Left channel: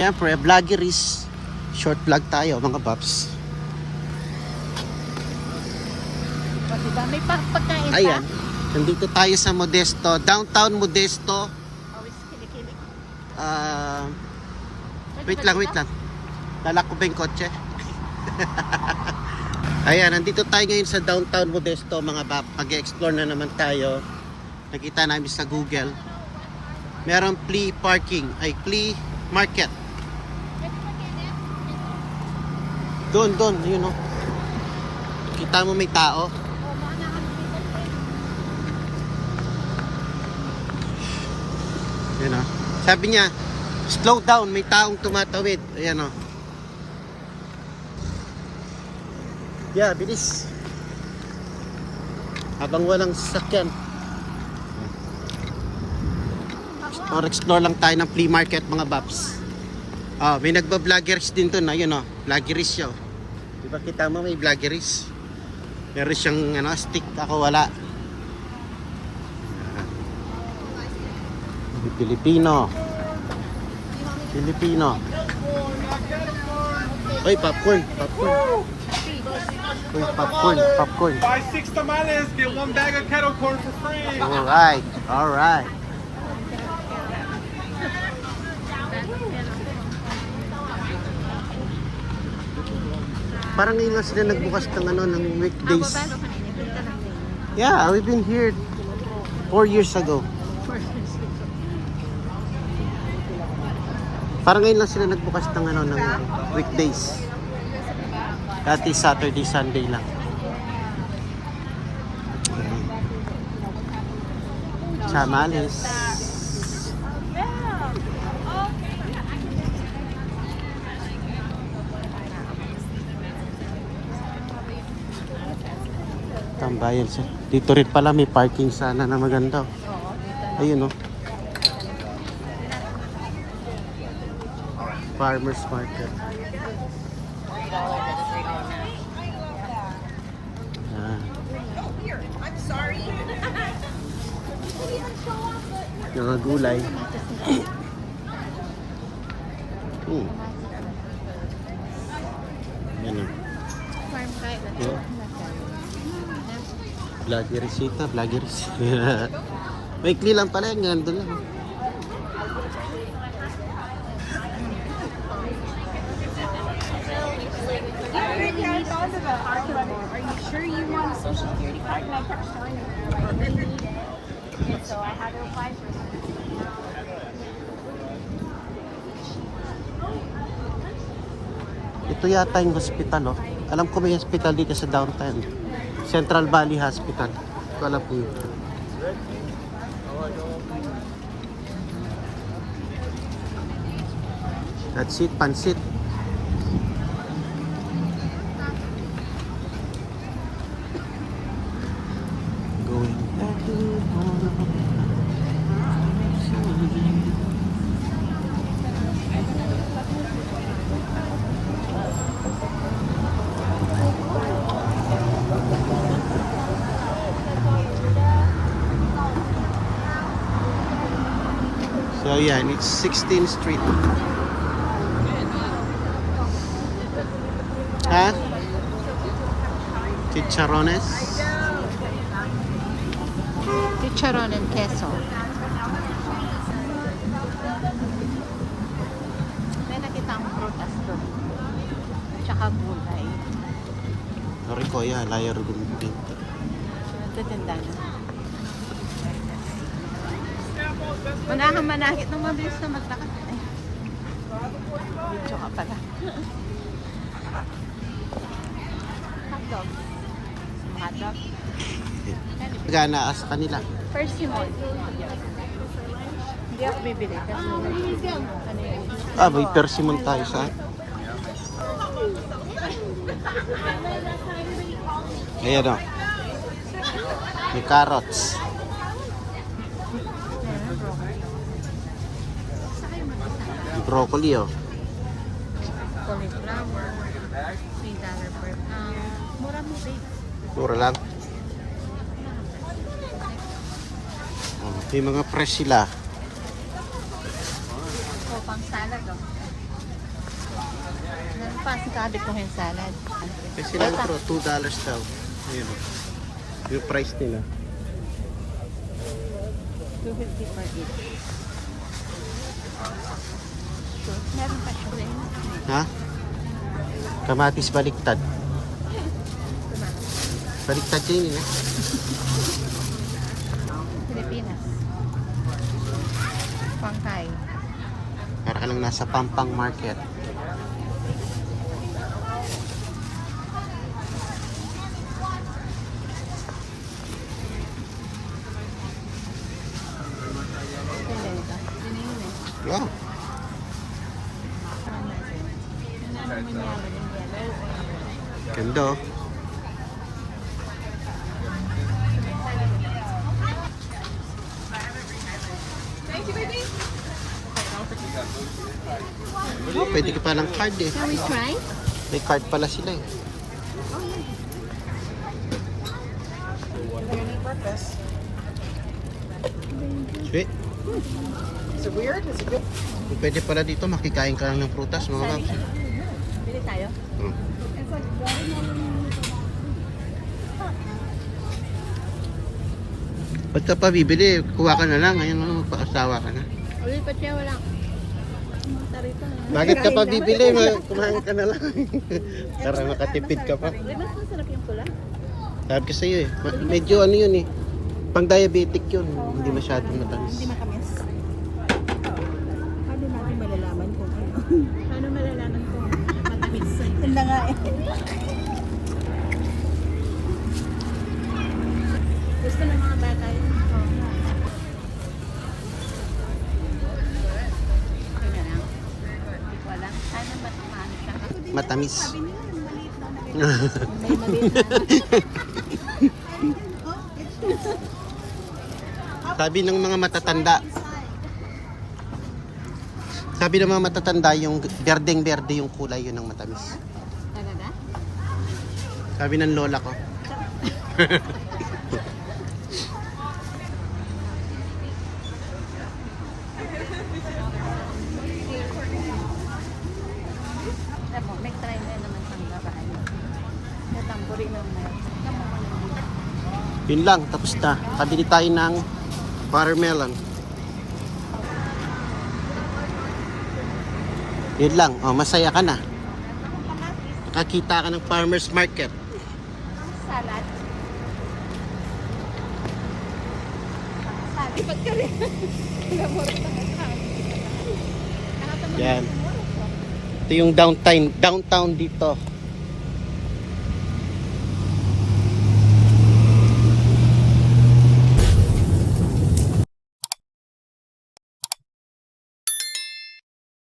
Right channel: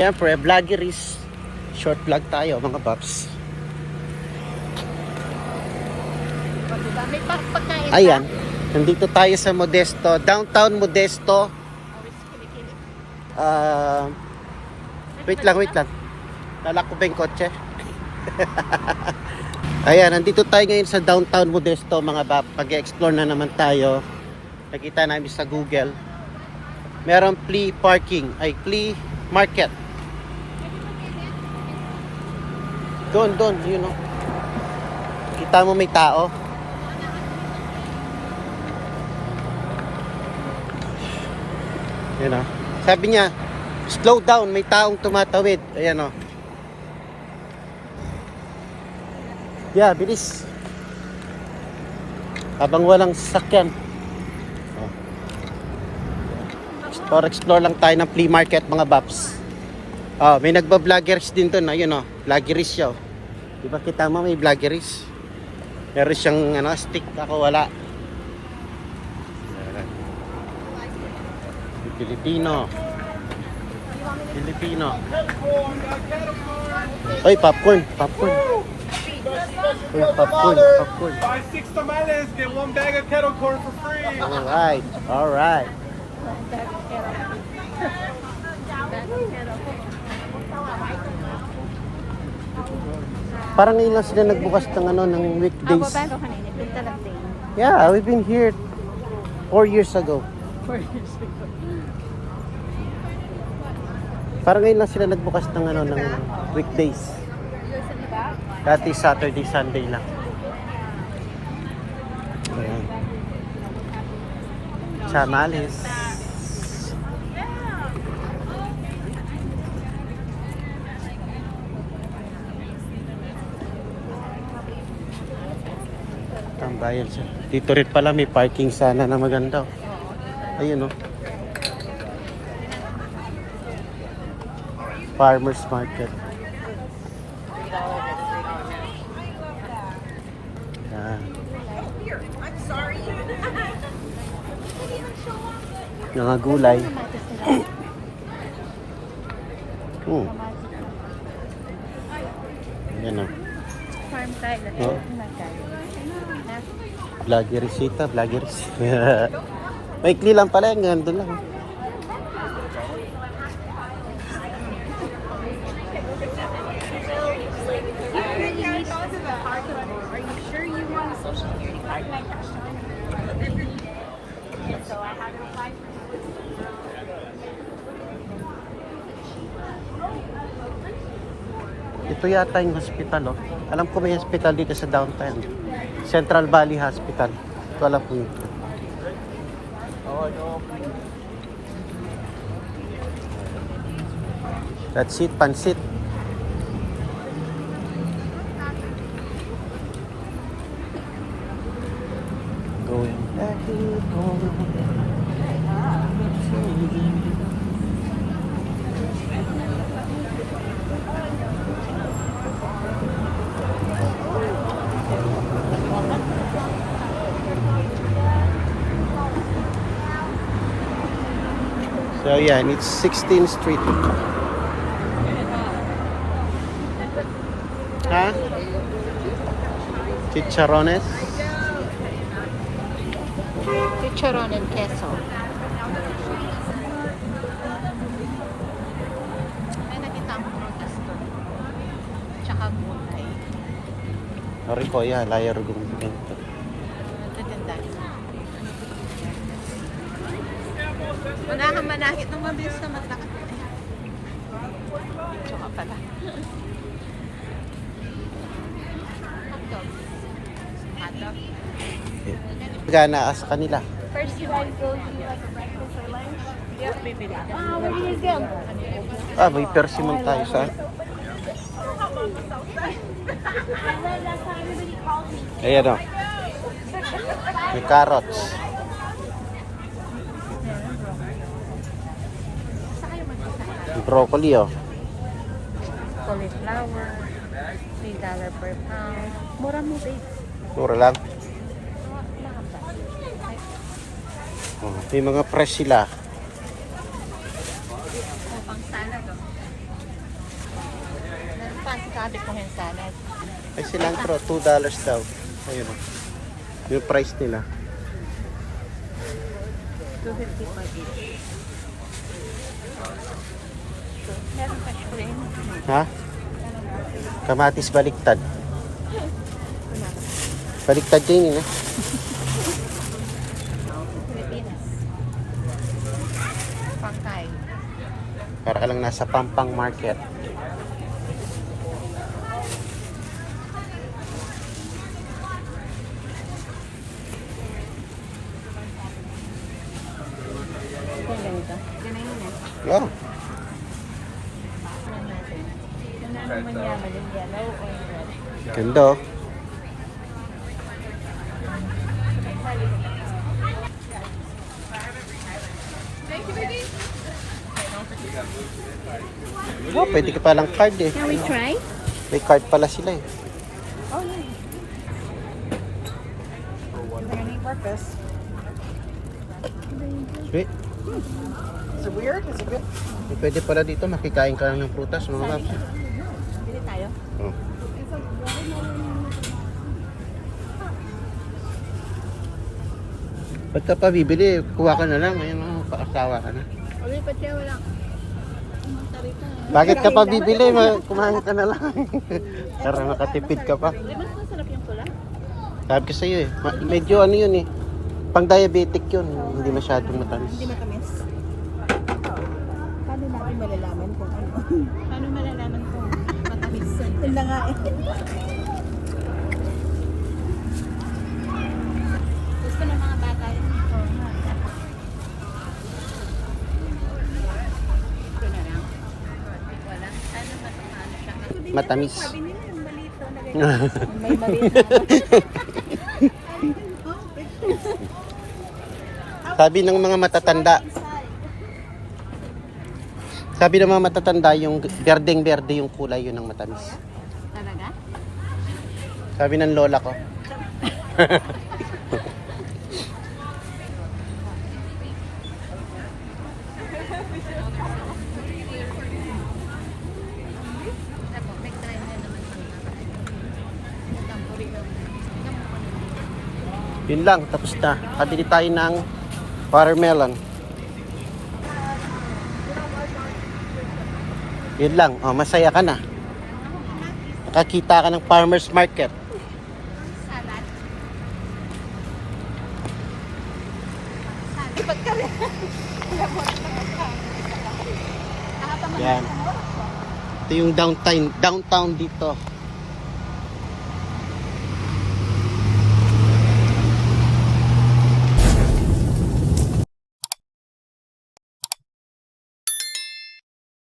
Siyempre, vloggeries. Short vlog tayo mga paps. Diba? May pagkain. Ayan, nandito tayo sa Modesto, downtown Modesto. Wait lang. Lalak ko ba yung kotse? Ayan, nandito tayo ngayon sa downtown Modesto mga bab. Pag-explore na naman tayo. Nakita namin sa Google. Merong flea market. Doon, yun o. Kita mo may tao. Ayan o. Sabi niya, slow down, may taong tumatawid. Ayan o. Yeah, bilis. Habang walang sasakyan. Or explore lang tayo ng flea market mga baps. May nagba-vloggeries din doon. Ayun o, vloggeries siya. Diba kita mo may vloggeries? Meron siyang stick. Ako wala. Yan. Filipino. Oy, popcorn. Uy, popcorn. Buy 6 tamales, get 1 bag of kettle corn for free. Alright. Parang ngayon lang sila nagbukas ng weekdays. Yeah, we've been here 4 years ago. Parang ngayon lang sila nagbukas ng weekdays. Dati Saturday, Sunday lang. Tamales. Tambayan siya. Dito rin pala may parking sana na maganda. Ayun o. Farmers market. Yan. Mga gulay. Yan o. Vloggeries. May kli lang pala, gandun lang. Are you sure you want a social security card? And I kept telling him I really need it. And so I had to apply for it. Ito yata yung hospital oh. Alam ko may hospital dito sa downtown. Central Valley Hospital. Ito alam ko yun. That's it, pansit. Going back to Toronto. So yan, it's 16th Street. Ha? Chicharones? Chicharon and queso. Kaya nakita ang prutas ko. Tsaka gulay. Rico, ya, layar gong ganito. Nagtitinda. Wala kang manakit naman din sa matlakad. Video ka pala. Hotdog. Hotdog. Gana sa kanila. First you want to hindi ako bibili. May persimmon tayo sa. Ayan o. May carrots. Broccoli oh. Mura lang. May mga fresh sila. Pang salad oh. Sabi ko yung salad. Ay, cilantro, $2 daw. Ayun o. Yung price nila. 250 per each. Ha? Kamatis baliktad. Baliktad din yun eh. Pilipinas. Shanghai. Para ka lang nasa Pampang Market. Ganyan ba? Ganyan na. Yeah. Ganda oh. Oh, pwede ka palang card eh. Can we try? May card pala sila eh. Oh, yeah. Purpose. Sweet. Is it weird? Is it good? Pwede pala dito makikain ka lang ng prutas mga paps. Bili tayo. Oh. It's like watermelon. Ba't ka pa bibili? Kuha ka na lang. Ngayon, paasawa ka na. Ulit pa siya, wala. Tarita. Bakit ka pa bibili? Kumain ka na lang. Para makatipid ka pa. Di ba masarap yung pula? Sabi ko sa'yo eh. Medyo ano yun eh. Pang diabetic yun. Hindi masyadong matamis. Hindi matamis. Paano natin malalaman kung ano? Paano malalaman kung matamis? Yun na nga eh. Gusto ng mga bata yun. Oo nga. Matamis. Sabi nila yung balito na May maliit Sabi ng mga matatanda. Sabi ng mga matatanda yung berdeng-berde yung kulay yun ang matamis. Talaga? Sabi ng lola ko. Ako, next time na naman siyang moran. Natampuri mo na yun. Kamu mo lang dito. Yun lang, tapos na. Kabili tayo ng watermelon. Yun lang, oh, masaya ka na. Nakakita ka ng farmer's market. Salad. Ipat ka rin. Yan. Ito yung downtown dito.